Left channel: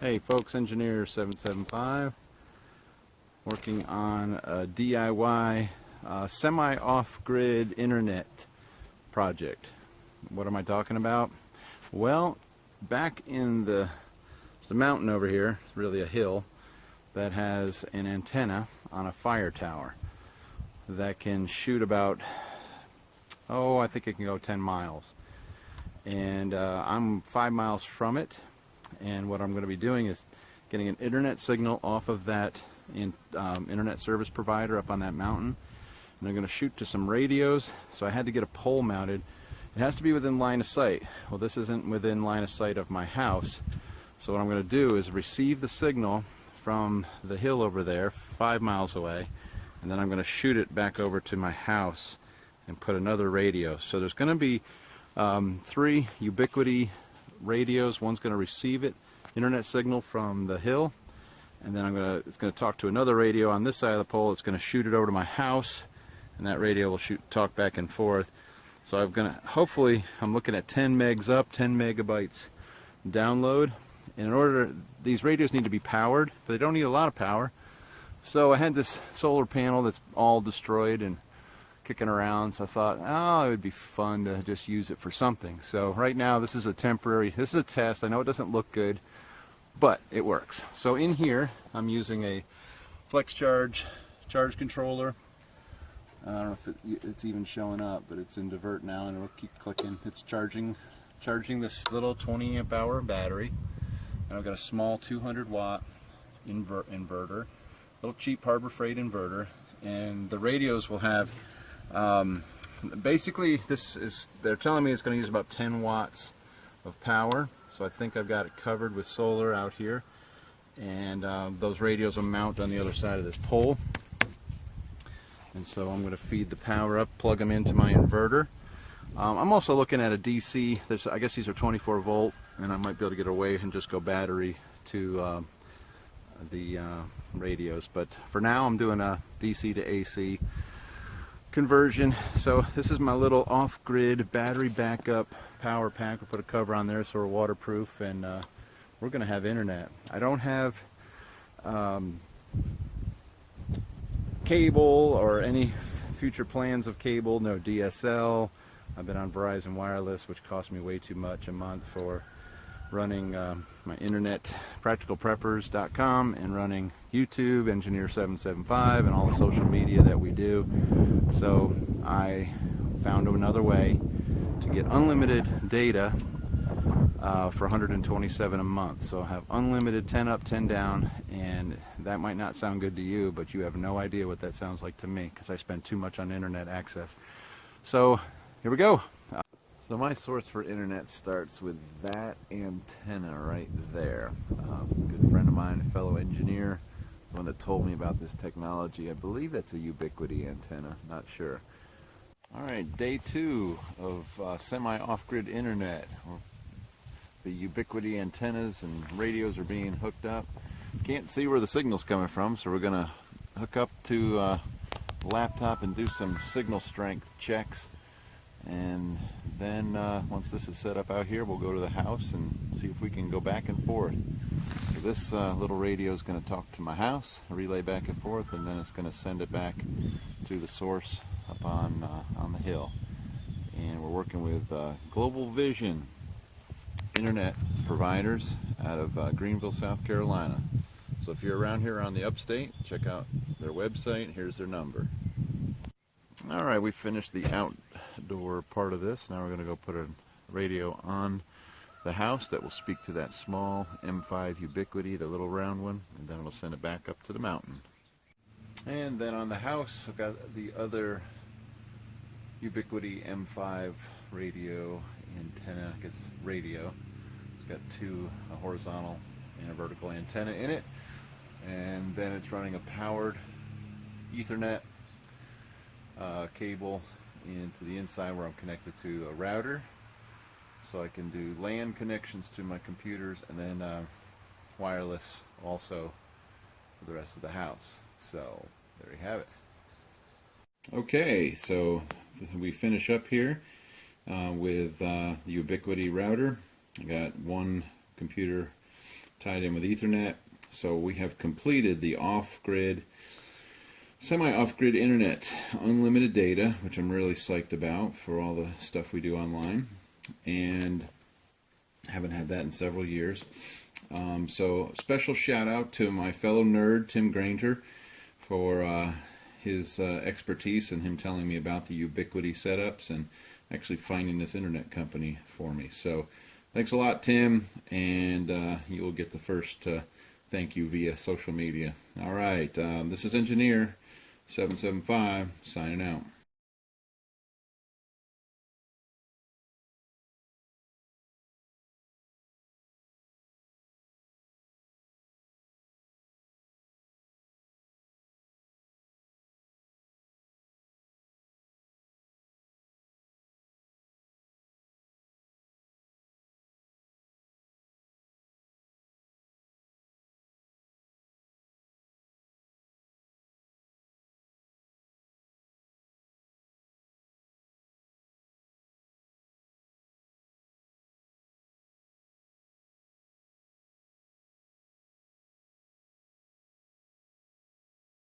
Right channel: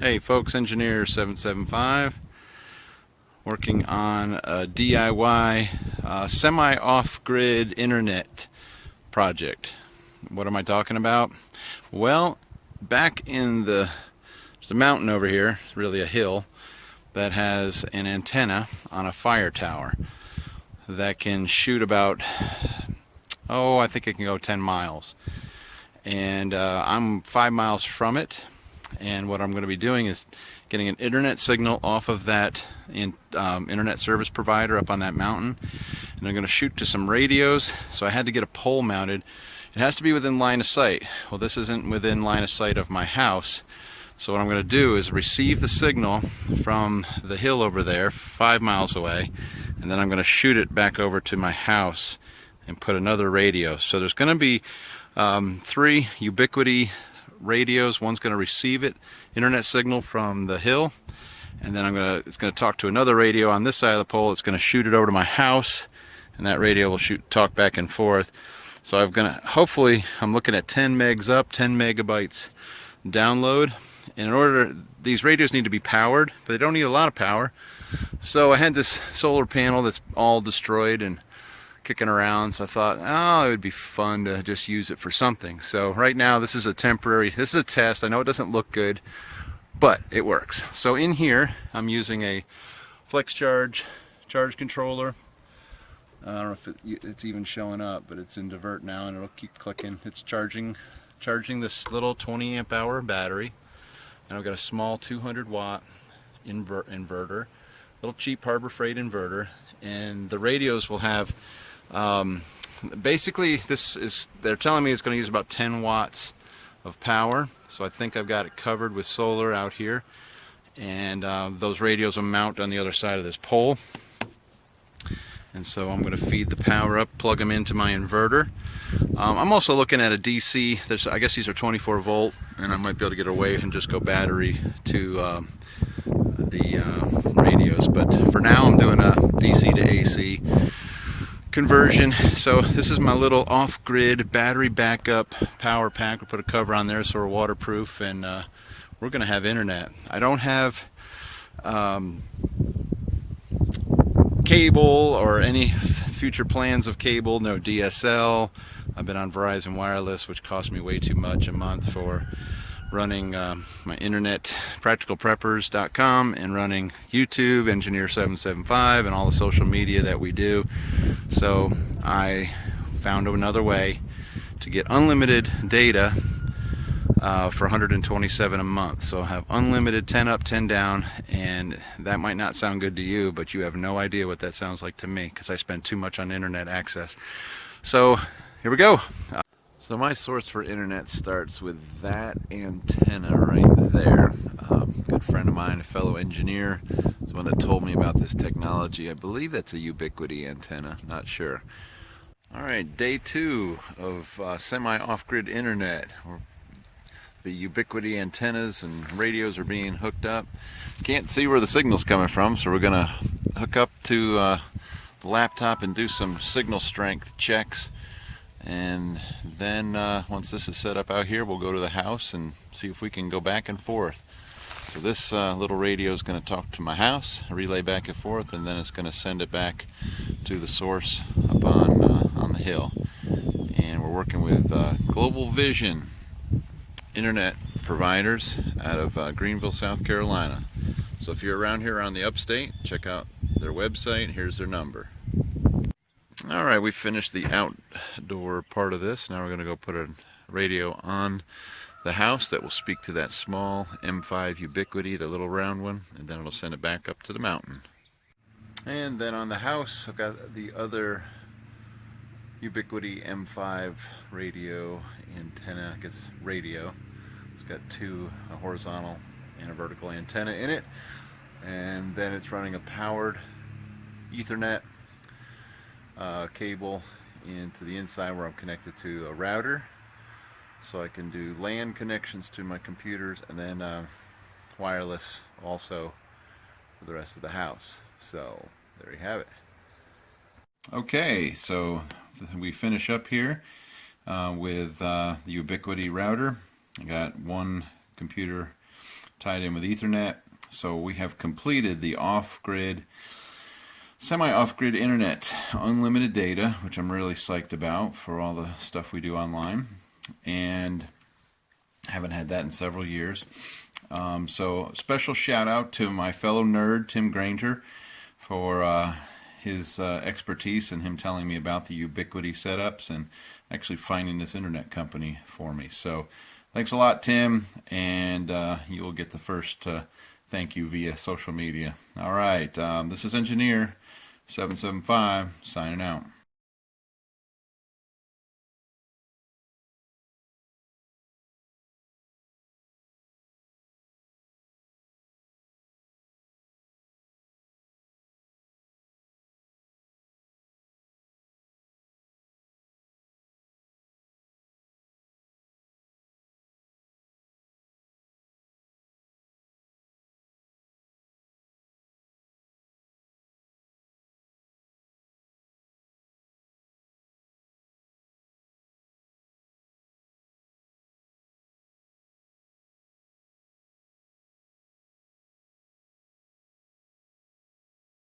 Hey folks, Engineer 775 working on a DIY semi-off-grid internet project. What am I talking about? Well, back in there's a mountain over here, it's really a hill, that has an antenna on a fire tower that can shoot about, I think it can go 10 miles. And I'm 5 miles from it. And what I'm going to be doing is getting an internet signal off of that internet service provider up on that mountain, and I'm going to shoot to some radios. So I had to get a pole mounted. It has to be within line of sight. Well, this isn't within line of sight of my house, so what I'm going to do is receive the signal from the hill over there 5 miles away, and then I'm going to shoot it back over to my house and put another radio. So there's going to be 3 Ubiquiti radios. One's going to receive internet signal from the hill, and then it's going to talk to another radio on this side of the pole. It's going to shoot it over to my house, and that radio will talk back and forth. So hopefully I'm looking at 10 megs up, 10 megabytes download. And these radios need to be powered, but they don't need a lot of power. So I had this solar panel that's all destroyed and kicking around, so I thought, it would be fun to just use it for something. So right now this is a test. I know it doesn't look good, but it works. So in here I'm using a flex charge controller. I don't know if it's even showing up, but it's in divert now, and it'll keep clicking. It's charging this little 20 amp hour battery, and I've got a small 200 watt inverter, little cheap Harbor Freight inverter, and the radios will have basically they're telling me it's going to use about 10 watts of power. So I think I've got it covered with solar out here, and those radios will mount on the other side of this pole. And so I'm going to feed the power up, plug them into my inverter. I'm also looking at a DC. I guess these are 24 volt, and I might be able to get away and just go battery to the radios. But for now I'm doing a DC to AC conversion. So this is my little off-grid battery backup power pack. We'll put a cover on there so we're waterproof, and we're going to have internet. I don't have cable or any future plans of cable, no DSL. I've been on Verizon Wireless, which cost me way too much a month for running my internet, practicalpreppers.com, and running YouTube, Engineer 775, and all the social media that we do. So I found another way to get unlimited data for $127 a month. So I'll have unlimited 10 up, 10 down, and that might not sound good to you, but you have no idea what that sounds like to me, because I spend too much on internet access. So here we go. So my source for internet starts with that antenna right there. Good friend of mine, a fellow engineer, is the one that told me about this technology. I believe that's a Ubiquiti antenna, not sure. All right, day 2 of semi-off-grid internet. The Ubiquiti antennas and radios are being hooked up. Can't see where the signal's coming from, so we're gonna hook up to the laptop and do some signal strength checks. And then once this is set up out here, we'll go to the house and see if we can go back and forth. So this little radio is going to talk to my house, relay back and forth, and then it's going to send it back to the source up on the hill. And we're working with Global Vision internet providers out of Greenville, South Carolina. So if you're around here on the upstate, check out their website. Here's their number. Alright, we finished the outdoor part of this. Now we're going to go put a radio on the house that will speak to that small M5 Ubiquiti, the little round one, and then it'll send it back up to the mountain. And then on the house, I've got the other Ubiquiti M5 radio antenna, I guess radio. It's got 2, a horizontal and a vertical antenna in it, and then it's running a powered Ethernet cable into the inside where I'm connected to a router, so I can do LAN connections to my computers, and then wireless also for the rest of the house. So there you have it. Okay, so we finish up here with the Ubiquiti router. I got one computer tied in with Ethernet. So we have completed the off-grid, semi-off-grid internet, unlimited data, which I'm really psyched about for all the stuff we do online, and haven't had that in several years. So special shout out to my fellow nerd, Tim Granger, for his expertise and him telling me about the Ubiquity setups and actually finding this internet company for me. So thanks a lot, Tim, and you will get the first thank you via social media. All right, this is Engineer 775 signing out.